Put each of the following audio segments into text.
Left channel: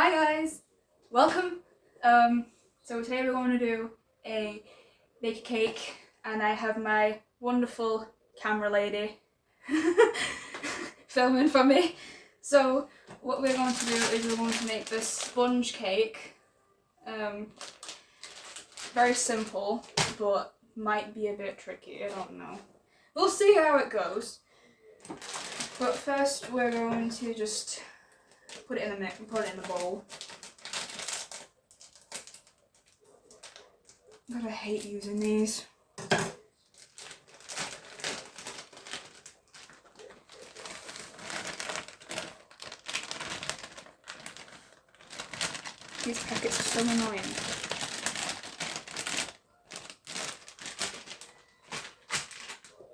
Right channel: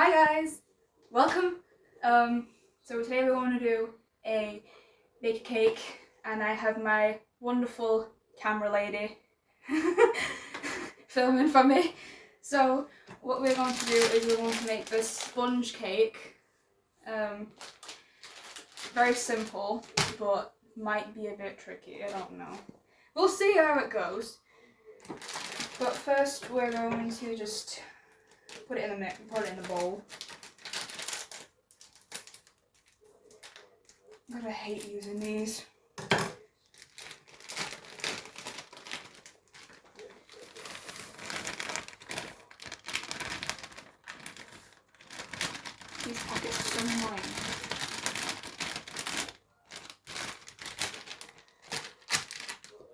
Hi guys, welcome. So today we're going to do a bake cake, and I have my wonderful camera lady filming for me. So what we're going to do is we're going to make this sponge cake. Very simple, but might be a bit tricky. I don't know. We'll see how it goes. But first, we're going to just put it in the bowl. God, I hate using these. These packets are so annoying.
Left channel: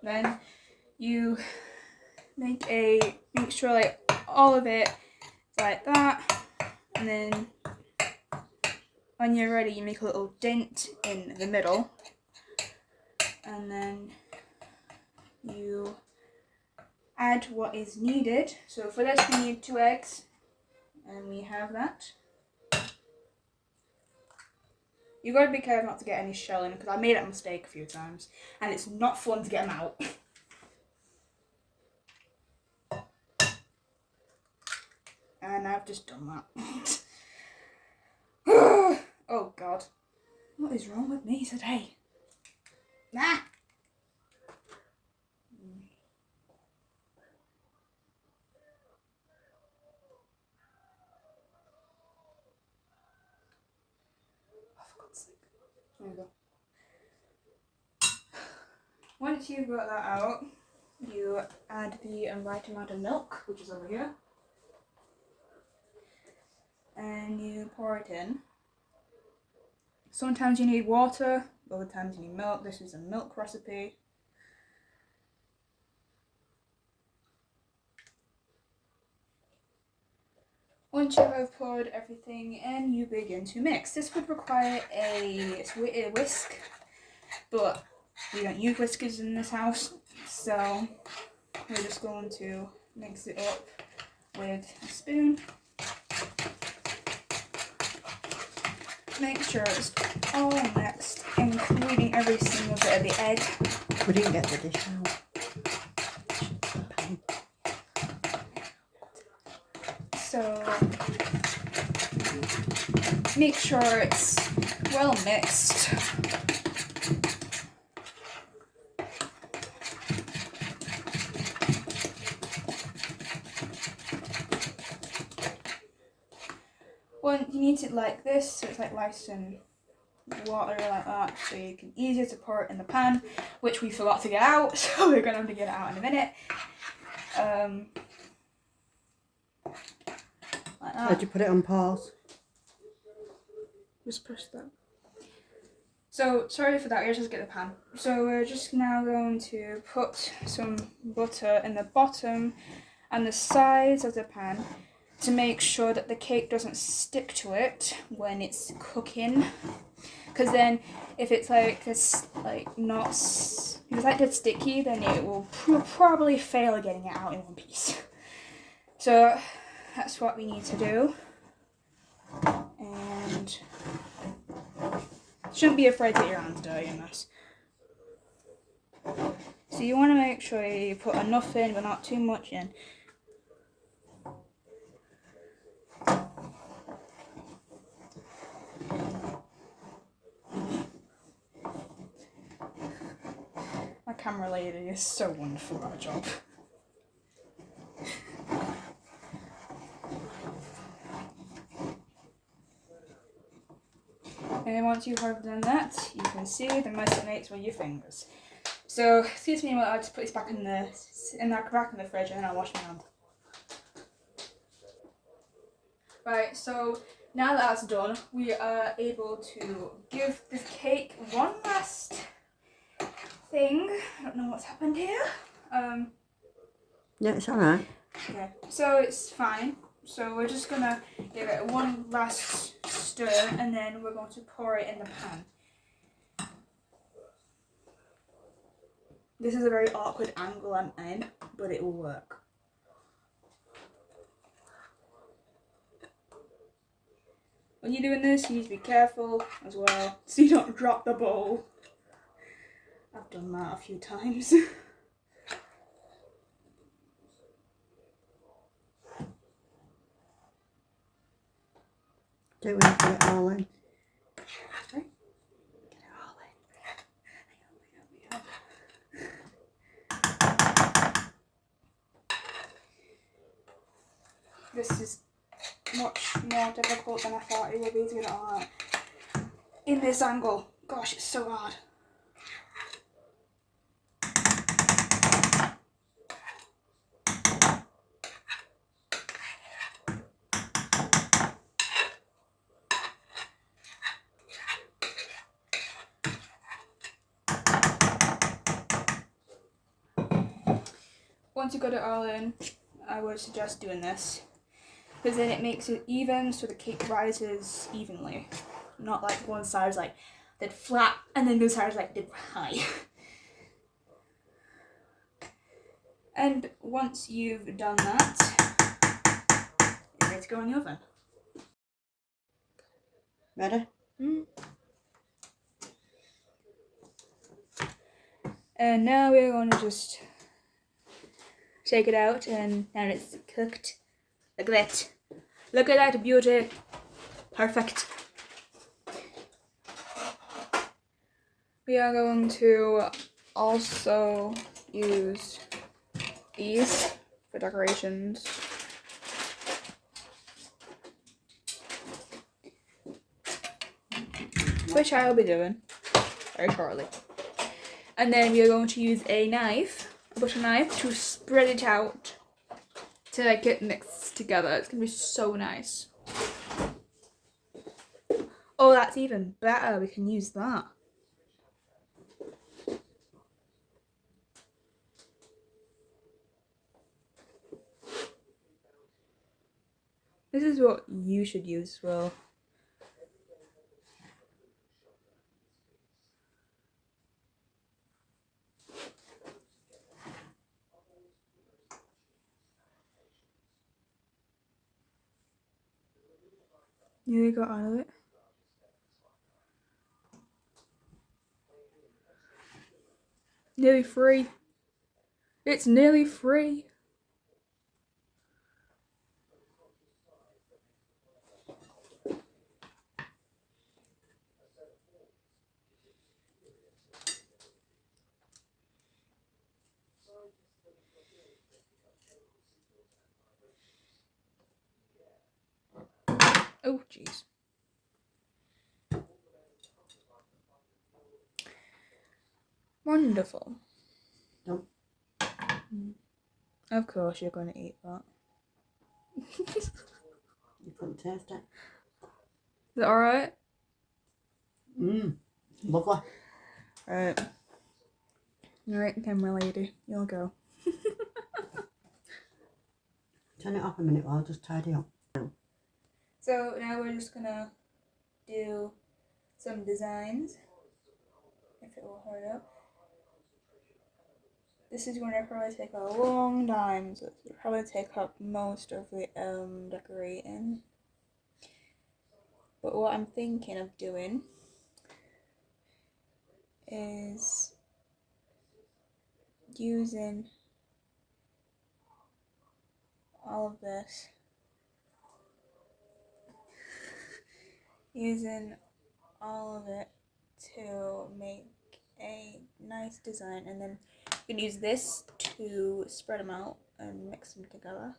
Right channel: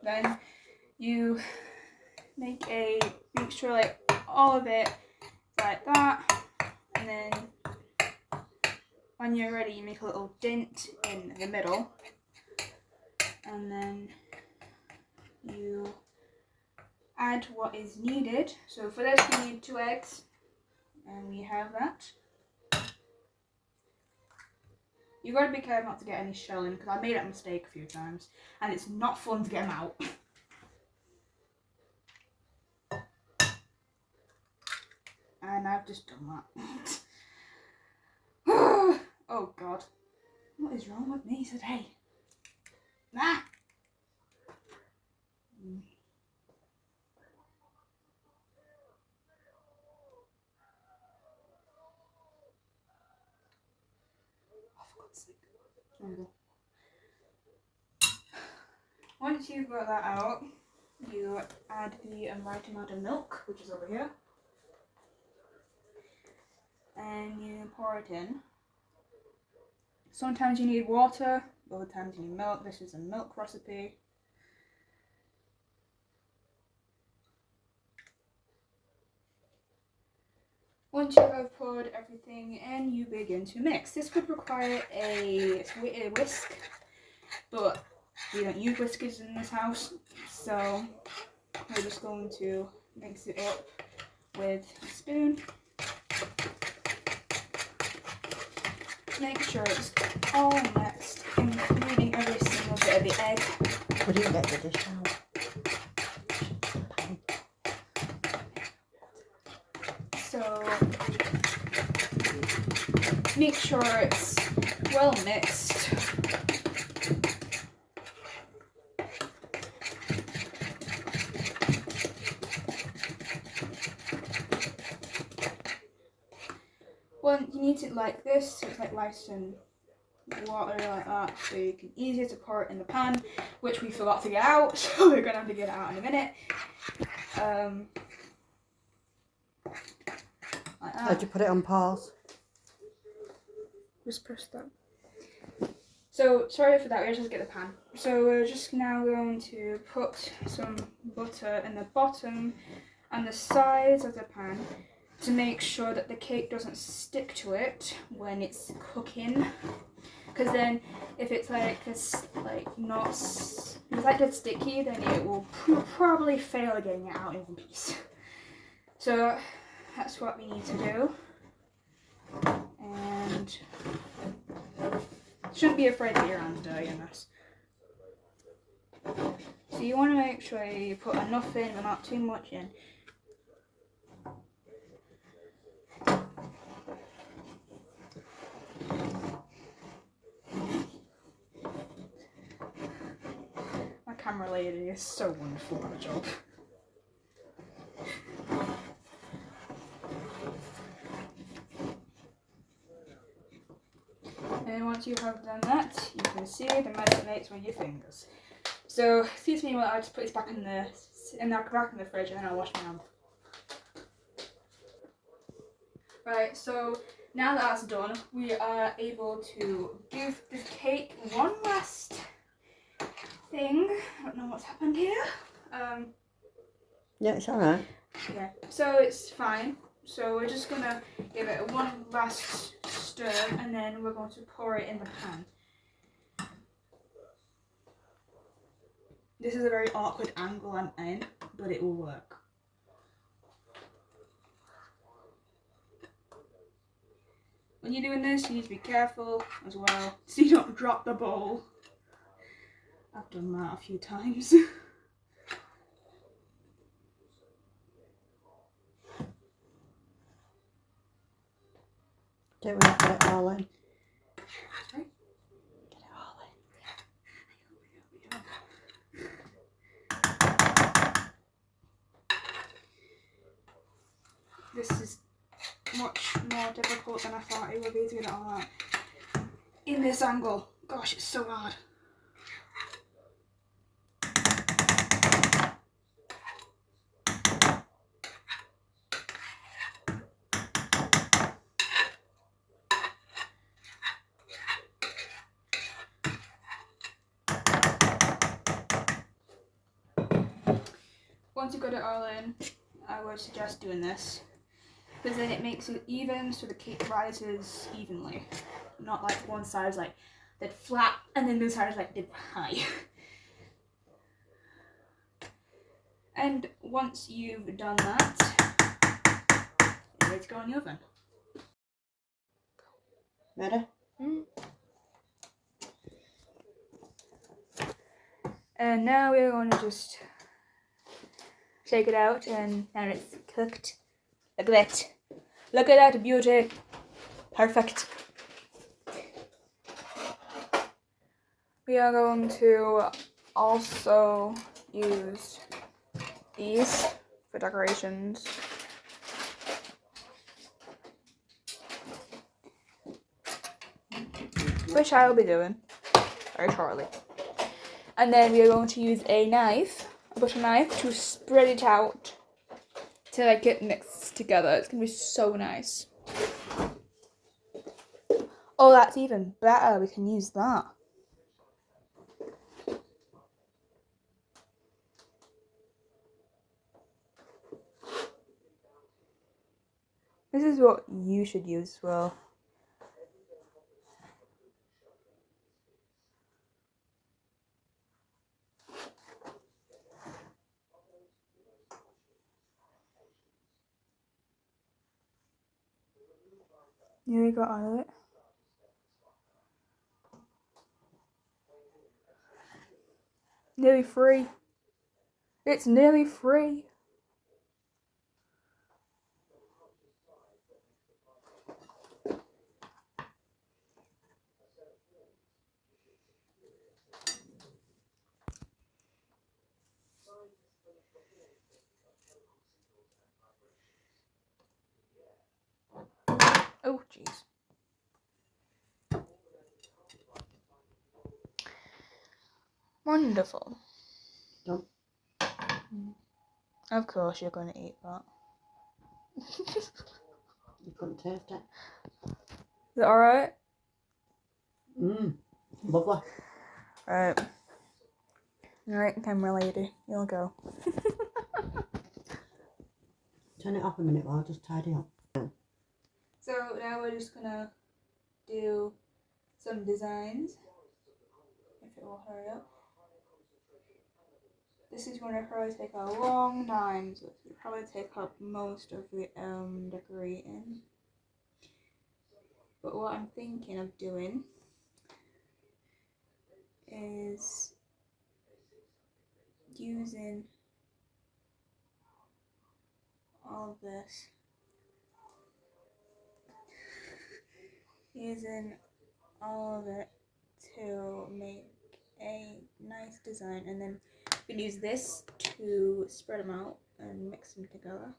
Then you make sure like all of it like that, and then when you're ready you make a little dent in the middle, and then you add what is needed. So for this we need 2 eggs, and we have that. You gotta be careful not to get any shell in, because I made that mistake a few times and it's not fun to get them out. And I've just done that. Oh god. What is wrong with me today? Nah! Oh, for God's sake. There we go. Once you've got that out, you add the right amount of milk, which is over here. And you pour it in. Sometimes you need water, other times you need milk. This is a milk recipe. Once you have poured everything in, you begin to mix. This would require a whisk, but we don't use whiskers in this house, so we're just going to mix it up with a spoon. Make sure it's all mixed, including every single bit of the egg. We didn't get the dish out. So make sure it's well mixed. Well, you need it like this, so it's like rice and water like that, so you can easier to pour it in the pan, which we forgot to get out, so we're gonna have to get it out in a minute. Like that. How'd you put it on pause? Just push that. So sorry for that, we'll just get the pan. So we're just now going to put some butter in the bottom and the sides of the pan to make sure that the cake doesn't stick to it when it's cooking. Because then if it's like this, like not, if it's like this sticky, then it will probably fail at getting it out in one piece. So that's what we need to do. And shouldn't be afraid that your hands dirty in this. So you want to make sure you put enough in, but not too much in. My camera lady is so wonderful at her job. And then once you have done that, you can see the mess it makes with your fingers. So excuse me while I just put this back in the fridge, and then I'll wash my hands. Right, so now that that's done, we are able to give this cake one last thing. I don't know what's happened here. Yeah, it's alright. Okay, so it's fine. So we're just gonna give it one last stir, and then we're going to pour it in the pan. This is a very awkward angle I'm in, but it will work. when you're doing this, you need to be careful as well, so you don't drop the bowl. I've done that a few times. Don't we get it all in? Sorry? Get it all in. This is much more difficult than I thought it would be doing it all right. In this angle. Gosh, it's so hard. Once you've got it all in, I would suggest doing this, because then it makes it even so the cake rises evenly. Not like one side is like dead flat and then the other side is like dead high. And once you've done that, it's ready to go in the oven. Ready? And now we're going to just shake it out, and now it's cooked. Look at that. Look at that beauty. Perfect. We are going to also use these for decorations. Which I will be doing very shortly. And then we are going to use a knife, a butter knife, to spread it out to like get mixed together. It's gonna be so nice. Oh, that's even better. We can use that. This is what you should use as well. Nearly got out of it. Nearly free. It's nearly free. Oh, jeez. Wonderful. Nope. Of course you're going to eat that. You couldn't taste it. Is it alright? Lovely. Alright. Alright, camera lady. You'll go. Turn it off a minute while I just tidy up. So now we're just gonna do some designs. If it will hurry up. This is going to probably take a long time, so it'll probably take up most of the decorating. But what I'm thinking of doing is using all of this. Using all of it to make a nice design, and then we can use this to spread them out and mix them together.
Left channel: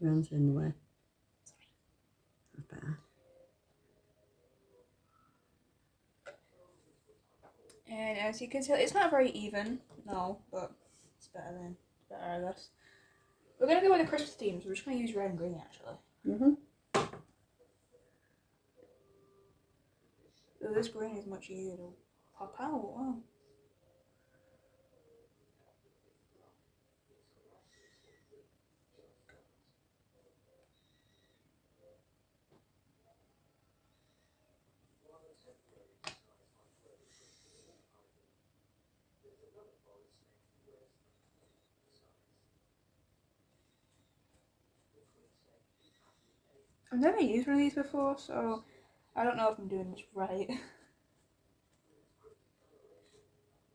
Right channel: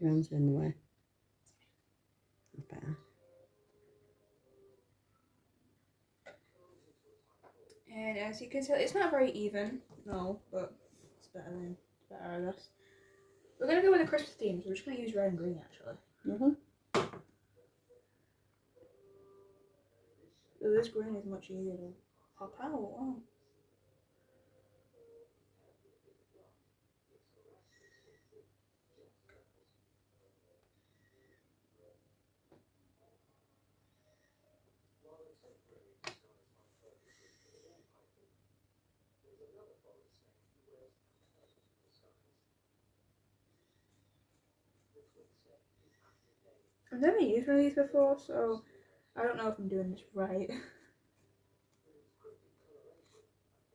Your hands are in the way. That's better. And as you can tell, it's not very even, no, but it's better, I guess. We're gonna go with the Christmas theme, so we're just gonna use red and green actually. So this green is much easier to pop out. Wow. I've never used one of these before, so I don't know if I'm doing this right.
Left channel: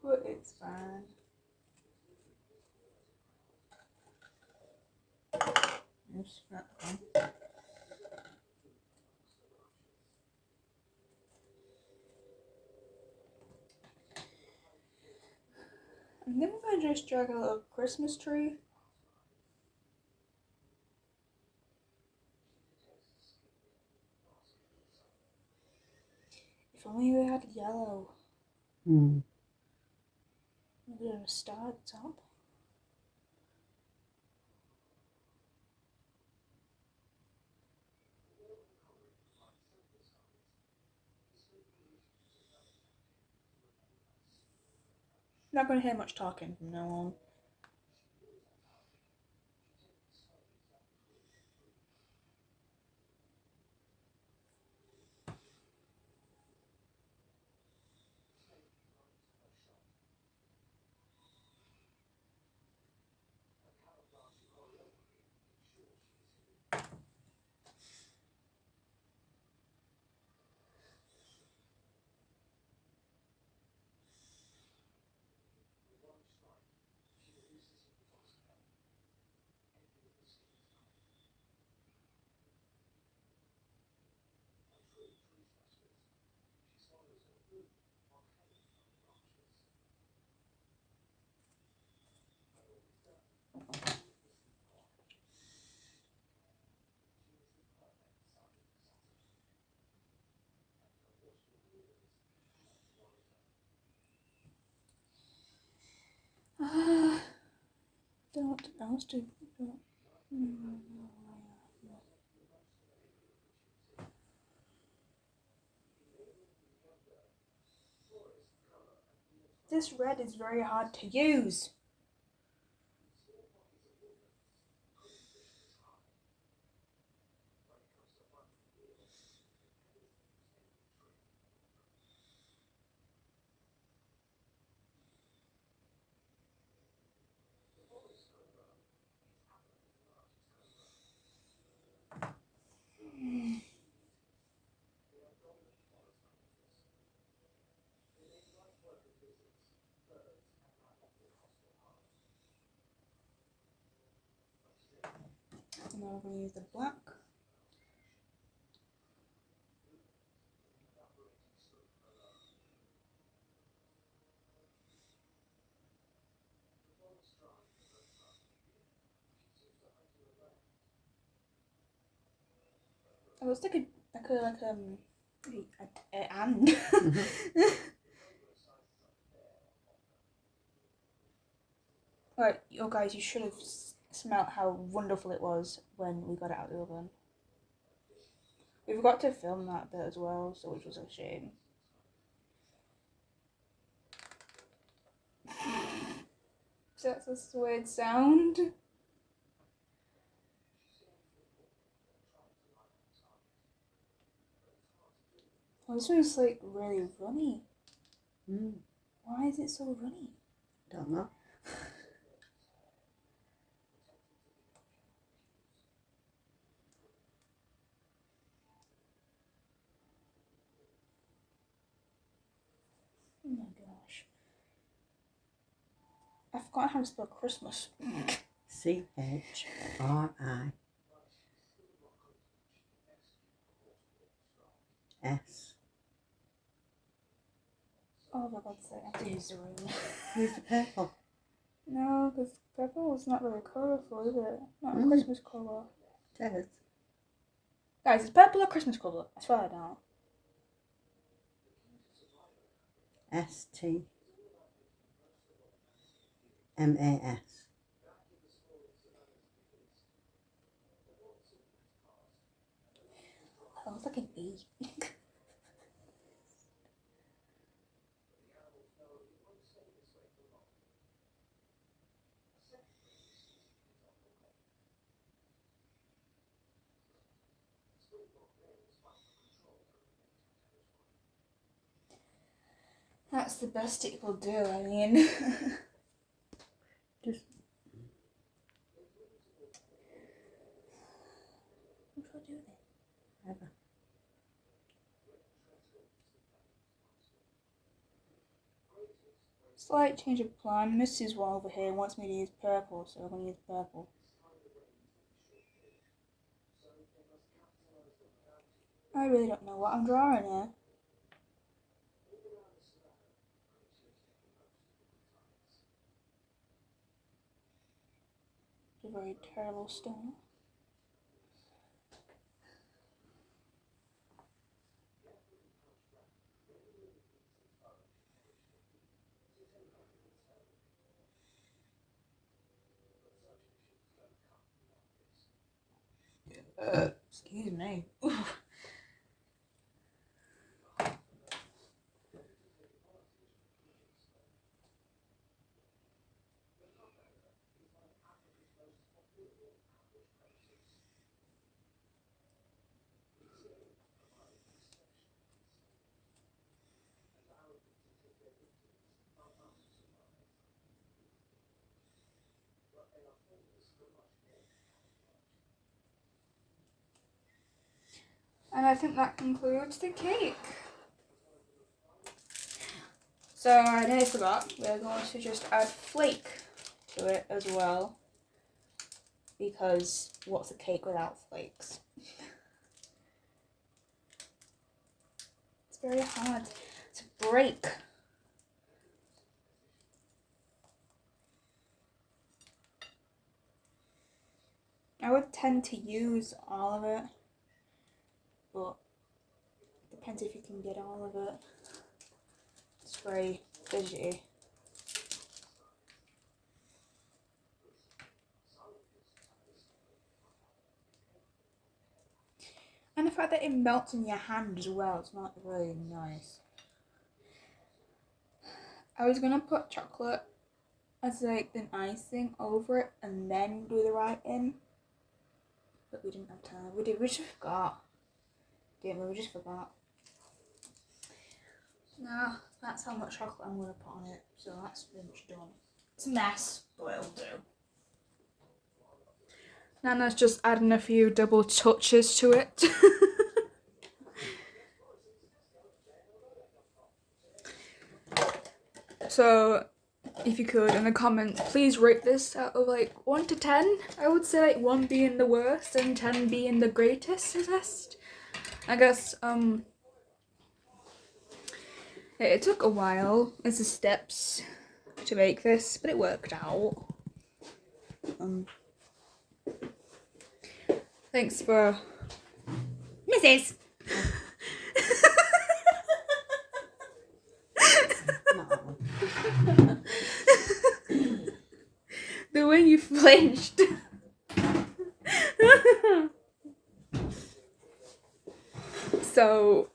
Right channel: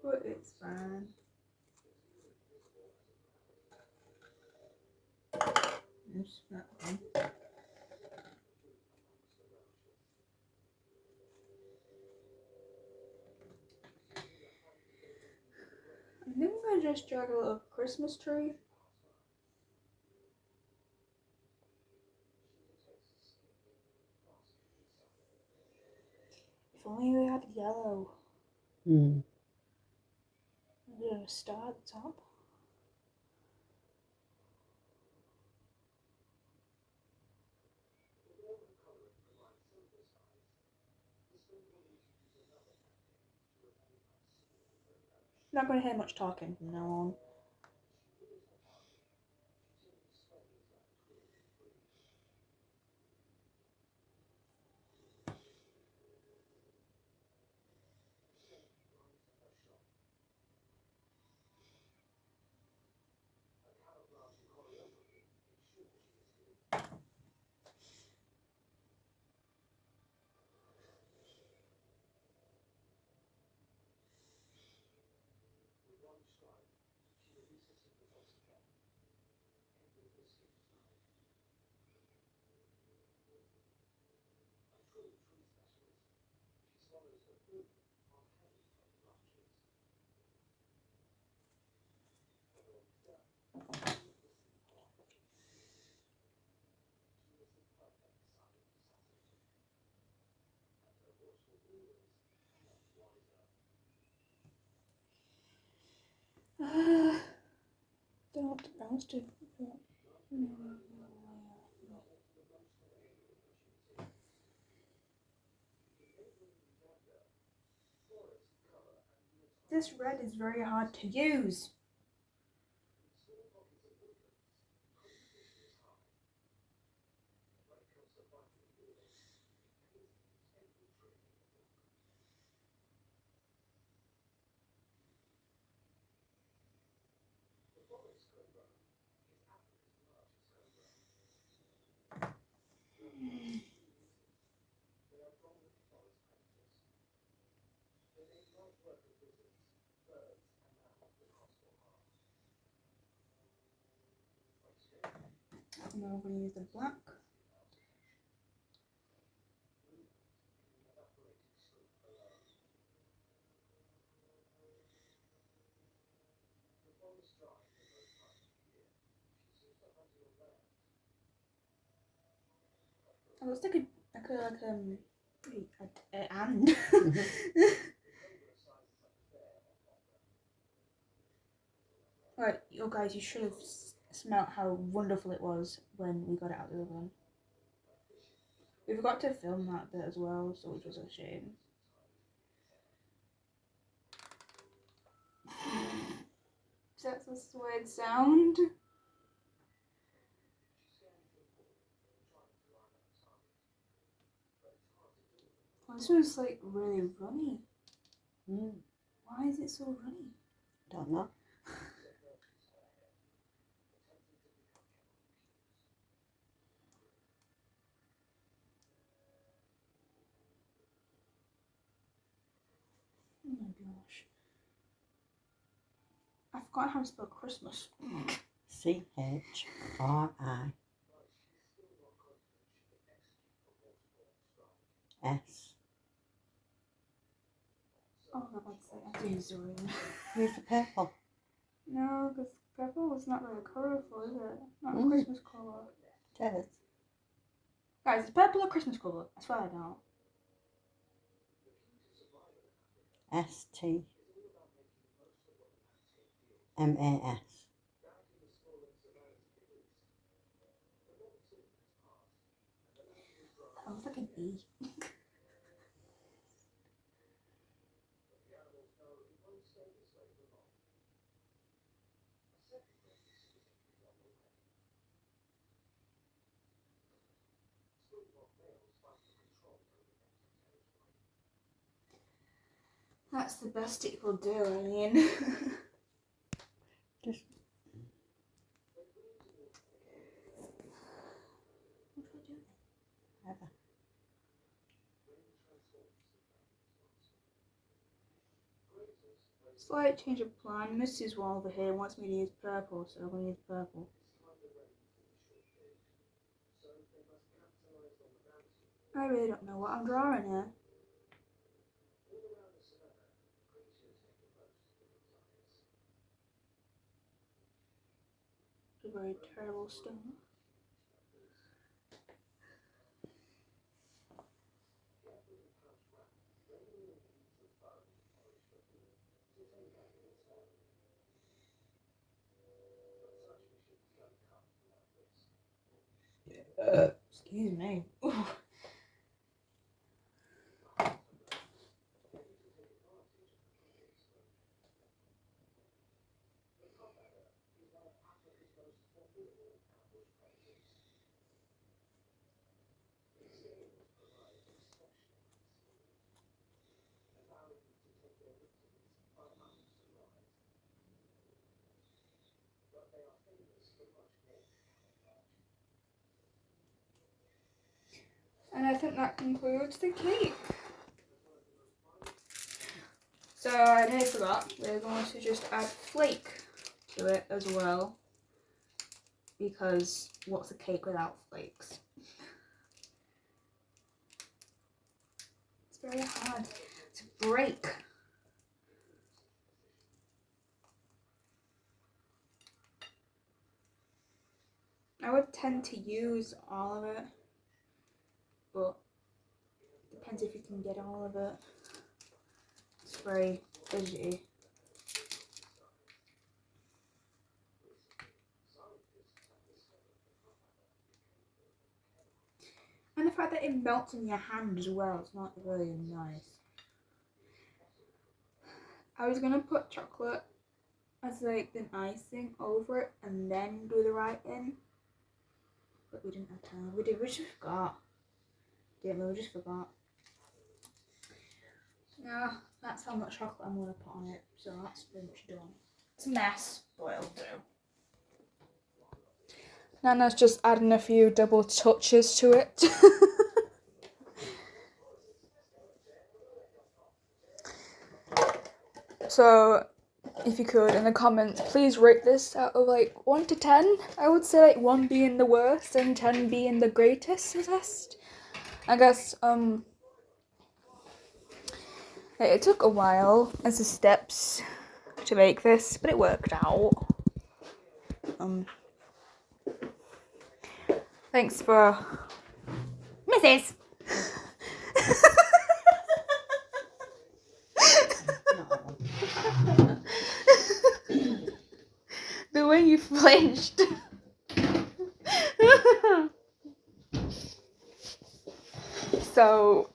But it's fine. Oops, not one. And then we're gonna just drag a little Christmas tree. If only we had yellow. Mm. Maybe a star at the top. Not going to hear much talking from now on. Don't know what else to do. This red is very hard to use. And then we're going to use the black. Oh, it's like an and. Right, oh guys, you should have smelt how wonderful it was when we got it out of the oven. We forgot to film that bit as well, so which was a shame. So that's a weird sound. Oh, this one's like really runny. Mm. Why is it so runny? Don't know. Oh my gosh. I forgot how to spell Christmas. CHRIS. Oh, for God's sake, I have to use the ruler. Where's the purple? No, because purple is not very colourful, is it? Not a Mm. Christmas colour. It is. Guys, is purple a Christmas colour? I swear I don't. STMAS. That looks like an E. That's the best it will do, I mean. Just Slight change of plan. Mrs. one over here wants me to use purple, so I'm going to use purple. I really don't know what I'm drawing here. It's a very terrible start. Excuse me. And I think that concludes the cake. So I nearly forgot, we're going to just add flake to it as well. Because what's a cake without flakes? It's very hard to break. I would tend to use all of it, but it depends if you can get all of it. It's very fidgety. And the fact that it melts in your hand as well, it's not very nice. I was gonna put chocolate as like an icing over it and then do the writing, but we didn't have time. We just forgot. Didn't we? We just forgot. No, that's how much chocolate I'm gonna put on it, so that's pretty much done. It's a mess, but it'll do. Nana's just adding a few double touches to it. So, if you could, in the comments, please rate this out of like 1 to 10. I would say like 1 being the worst and 10 being the greatest. I guess, it took a while as the steps to make this, but it worked out. Thanks for Mrs. The way you flinched. So,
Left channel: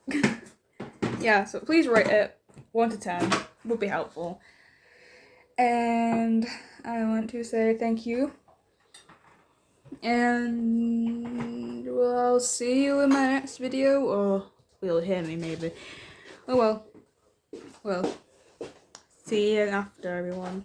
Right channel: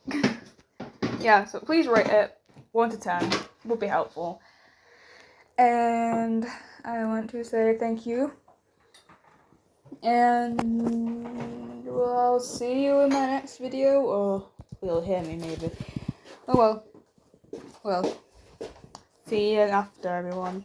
yeah, so please rate it 1 to 10, would be helpful. And I want to say thank you. And well, I'll see you in my next video, or you'll hear me maybe. Oh well. Well, see you after, everyone.